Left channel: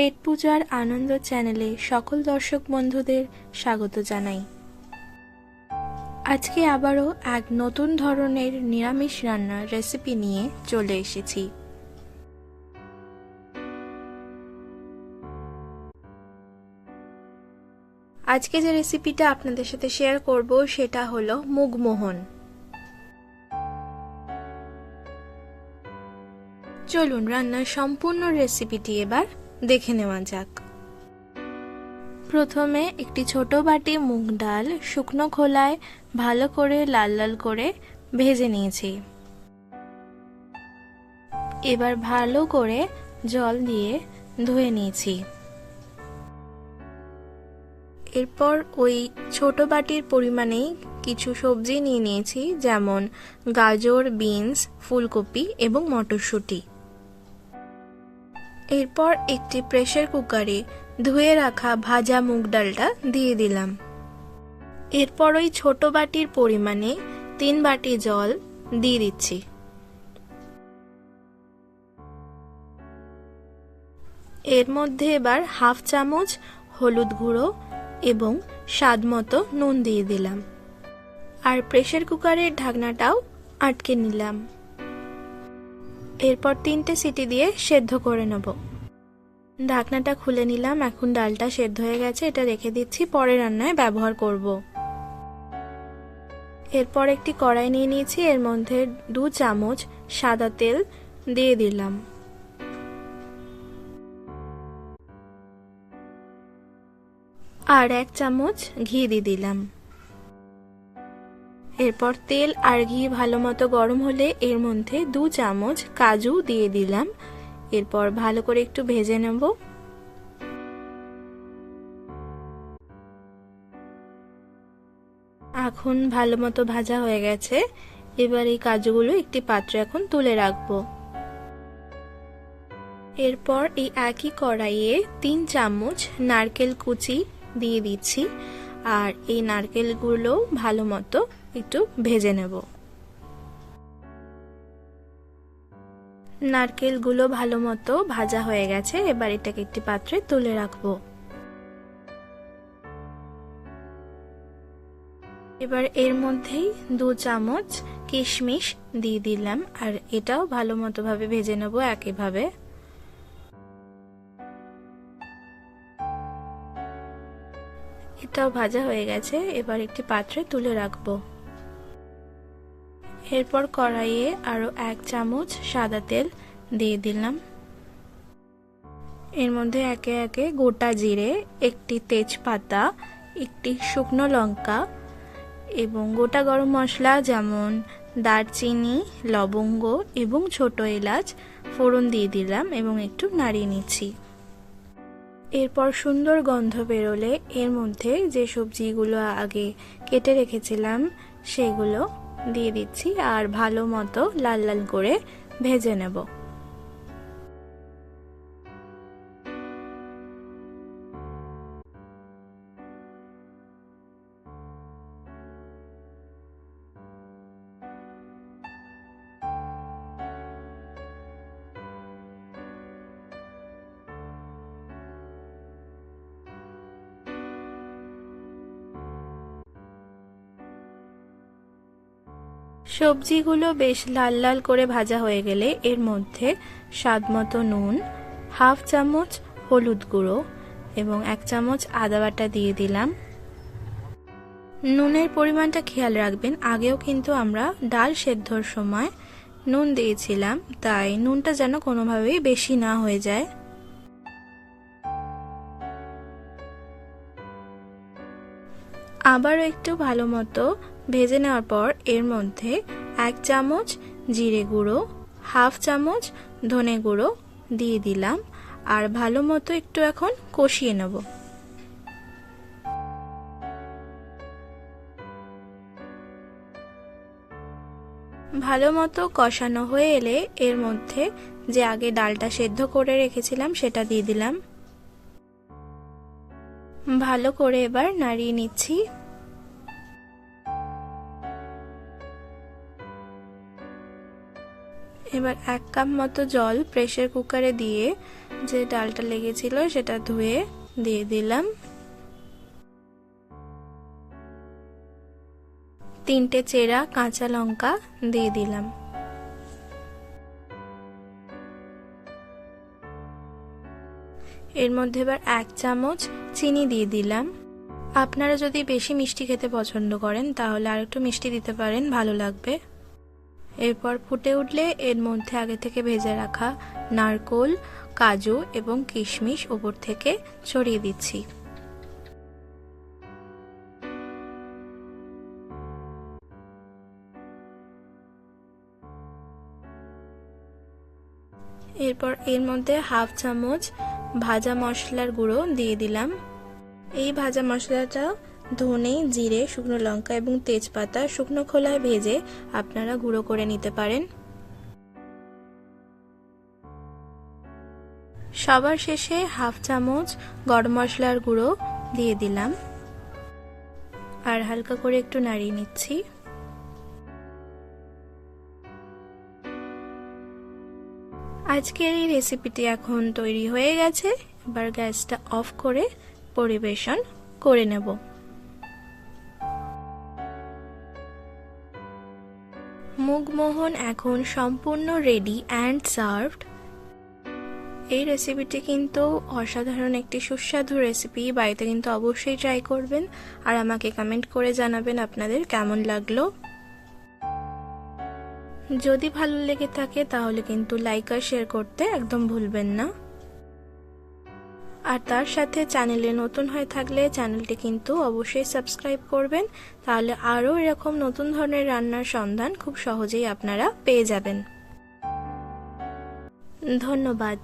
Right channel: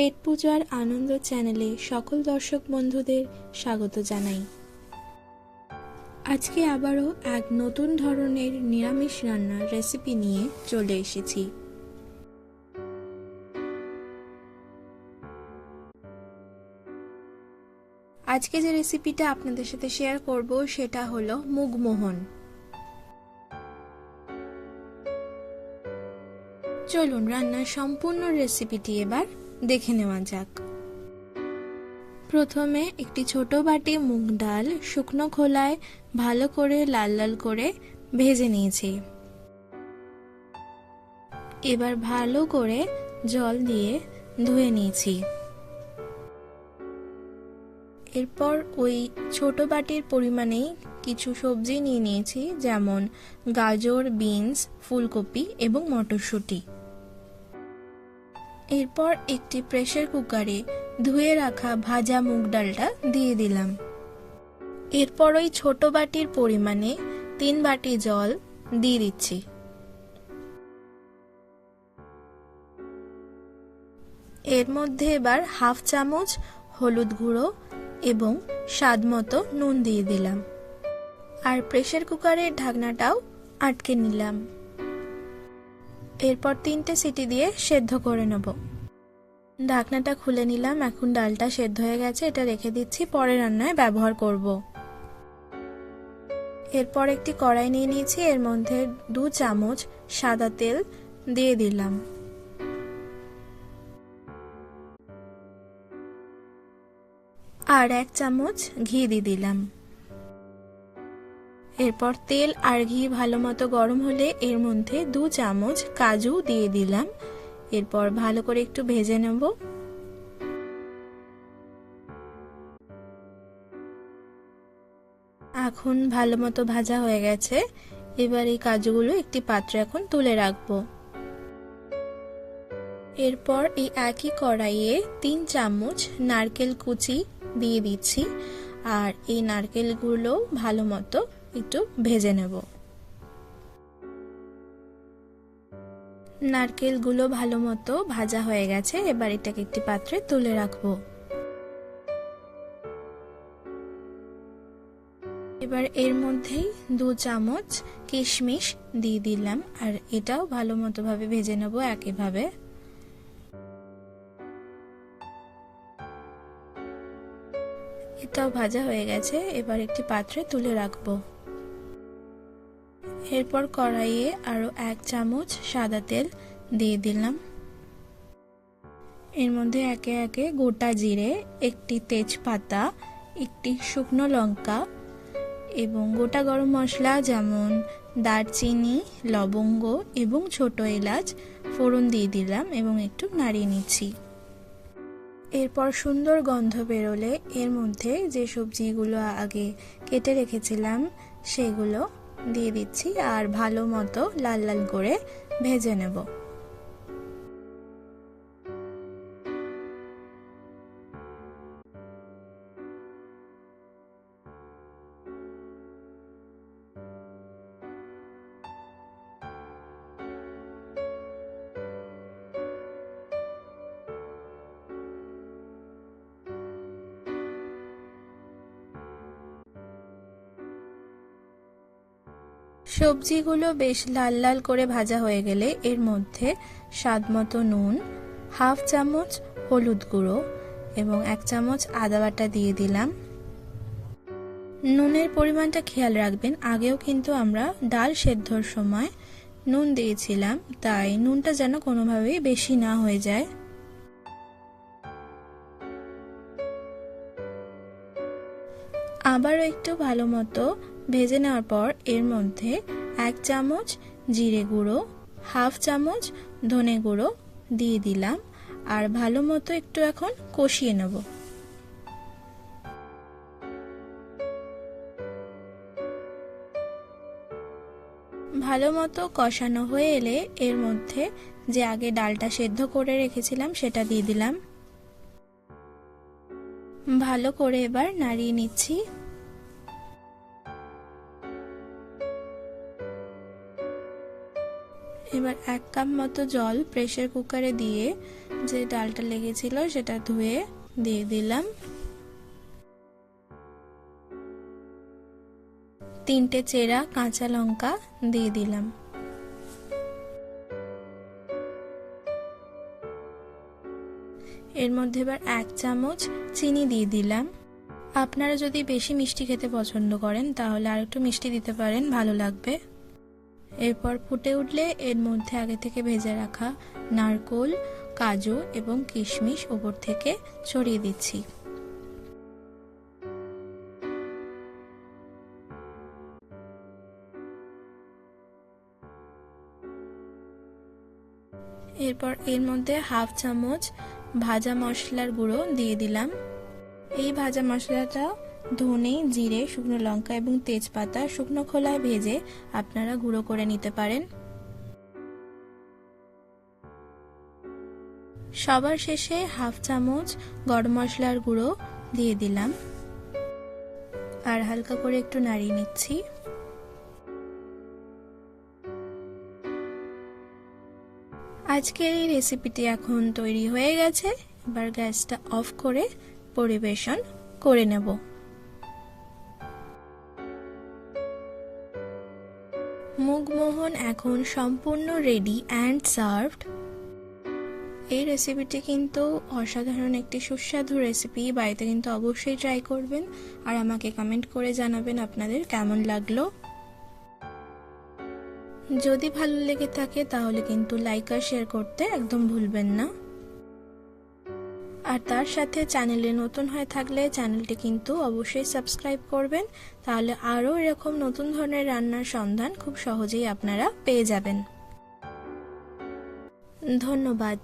পেট পূজার আনন্দ চ্যানেলে সকল দর্শক বন্ধুদের স্বাগত জানাই। আজকে আবারও এক নতুন ধরনের নিরামিষ রান্নার রেসিপি নিয়ে চলে এসেছি। আজকে যে রেসিপিটা আপনাদের সাথে শেয়ার করব সেটা হলো মুগমোহন। চলুন রান্নার সম্পূর্ণ রেসিপিটি এবার দেখে নেওয়া যাক। প্রথমে একটি ছোট বাটি মুগ ডাল শুকনো খোলায় ভালো করে লাল লাল করে ভেজে নিয়েছি। এবার ভালো করে জল দিয়ে ধুয়ে নিয়েছি। এরপর ওই ছোট বাটির পরিমাণেই কিছু সবজি নিয়ে নিয়েছি, যেমন গাজর, বিনস, ফুলকপি এবং মটরশুঁটি। এরপর একটি প্রেসার কুকারে ধুয়ে রাখা ভাজা মুগ ডালটা দিয়ে দিলাম। এরপর ওই ছোট বাটির পরিমাণে 3 বাটি জল দিয়ে দিচ্ছি। এর মধ্যে এবার হাফ চামচ হলুদ গুঁড়ো এবং স্বাদ মতো নুন দিয়ে দিলাম, আর প্রেসার কুকারের ঢাকনাটাও আটকে নিলাম। এরপর 3টে সিটি দিয়ে সেদ্ধ করে নেব। ঢাকনাটা খুলে নিলাম। এখন ডালটা সেদ্ধ হয়ে গেছে, এটা রেখে দিচ্ছি, পরে রান্নায় ব্যবহার করব। এরপর একটি কড়াই নিয়ে নিয়েছি, এর মধ্যে 2 চামচ সাদা তেল দিয়ে দিলাম। আর 1 চামচ ঘি দিয়ে দিলাম। এরপর তেল আর ঘি ভালো মতো গরম হলে এর মধ্যে 2 চামচ কাজু দিয়ে দিলাম। এরপর ভালো করে একটু ভেজে নেব। এখন ভালো মতো ভাজা হয়ে গেছে। এবার এই কাজুগুলো একটি পাত্রে এখন তুলে রাখবো। এরপর এই একই কড়াইয়ে 3 চামচ নারকেল কুচি দিয়ে দিচ্ছি, আর এই নারকেলগুলো ভালো মতো একটু ভেজে নেব। নারকেলগুলো ভালো মতো ভাজা হয়ে গেছে। এবার এটাকে একটি পাত্রে তুলে রাখবো। এবার এর মধ্যেই 2 চামচ কিশমিশ দিয়ে দিলাম, আর এটাও ভালো মতো ভাবে ভেজে নেব একইভাবে। এটাও ভাজা হয়ে গেছে। এবার একটি পাত্রে তুলে রাখবো। এরপর কড়াইয়ে আরো 1 চামচ সাদা তেল দিয়ে দিলাম। এর মধ্যে একে একে গোটা জিরে, একটি তেজপাতা, একটি শুকনো লঙ্কা এবং গোটা গরম মশলা যেমন দারচিনি, লবঙ্গ এবং ছোট এলাচ ফোড়ন দিয়ে দিলাম এবং একটু নাড়িয়ে নিচ্ছি। এরপর সুন্দর গন্ধ বেরোলে এর মধ্যে যে সবজিগুলো আগে কেটে রেখেছিলাম সেগুলো দিয়ে দিচ্ছি, আর ভালো মতো লাল লাল করে ভেজে নেব। সবজিগুলো বেশ লাল লাল করে ভাজা হয়ে গেলে এর মধ্যে স্বাদ মতো নুন, হাফ চামচ হলুদ গুঁড়ো এবং 1 চামচ আদা বাটা দিয়ে দিলাম। নুনের পরিমাণটা খেয়াল রাখবেন, আগেও কিন্তু আমরা ডাল সেদ্ধর সময় নুন দিয়েছিলাম, তাই নুনটা যেন কোনোভাবেই বেশি না হয়ে যায়। আবারও একটু ভালো মতো ভেজে নেওয়ার পর এর মধ্যে 1 চামচ জিরে গুঁড়ো, হাফ চামচ ধনে গুঁড়ো দিয়ে দিলাম, আর ভালো মতো একটু এখন কষিয়ে নেব। ভালো মতো কষানো হয়ে এলে এর মধ্যে যে আগে ডালটা সেদ্ধ করে রেখেছিলাম সেটা দিয়ে দিলাম। ভালো করে এবার নাড়িয়ে নিচ্ছি। এবার 1 কাপ মতো জল প্রেসার কুকারে দিয়ে যে ডালটা লেগেছিল সেটা ধুয়ে দিয়ে দিলাম। 3টে চেরা কাঁচা লঙ্কা দিয়ে দিলাম। এর মধ্যে এবার 1 চামচ চিনি দিয়ে দিলাম। আপনারা যদি বেশি মিষ্টি খেতে পছন্দ করেন তাহলে আর একটু মিষ্টি দিতে পারেন, ভালো লাগবে। এরপর ফুটে উঠলে এর মধ্যে আগে থেকে ভেজে রাখা নারকেল, কাজু এবং কিশমিশ উপর থেকে ছড়িয়ে দিচ্ছি। এরপর এর মধ্যে 1/2 চামচ ভাজা মশলার গুঁড়ো দিয়ে দিলাম। এই ভাজা মশলাটা ধনে, জিরে, শুকনো লঙ্কা এবং তেজপাতা শুকনো খোলায় ভেজে আপনারা গুঁড়ো করে নিতে পারেন। সবার শেষে 1/2 চামচ গরম মশলার গুঁড়ো দিয়ে দিলাম আর হালকা করে একটু নাড়িয়ে নিচ্ছি। আজকের এই রেসিপিটি এখন তৈরি হয়ে গেছে। এবার গ্যাসটা অফ করে পরিবেশন করে নেব। মুগমোহন এখন সম্পূর্ণ রেডি অ্যান্ড সার্ভড। এই রেসিপিটি কিন্তু অসাধারণ একটি সুস্বাদু রেসিপি, বাড়িতে কিন্তু অবশ্যই ট্রাই করবেন আর আমাকে কমেন্ট করে জানাবেন আপনাদের কেমন লাগলো। যদি ভালো লেগে থাকে তাহলে কিন্তু লাইক আর শেয়ার করতে একদম ভুলবেন না। আর তার সাথে চ্যানেলে নতুন হয়ে থাকলে চ্যানেলটি কিন্তু অবশ্যই সাবস্ক্রাইব করবেন, তাহলে আরও এরকম নতুন ধরনের রান্নার সন্ধান খুব সহজেই আপনারা পেয়ে যাবেন। ধন্যবাদ।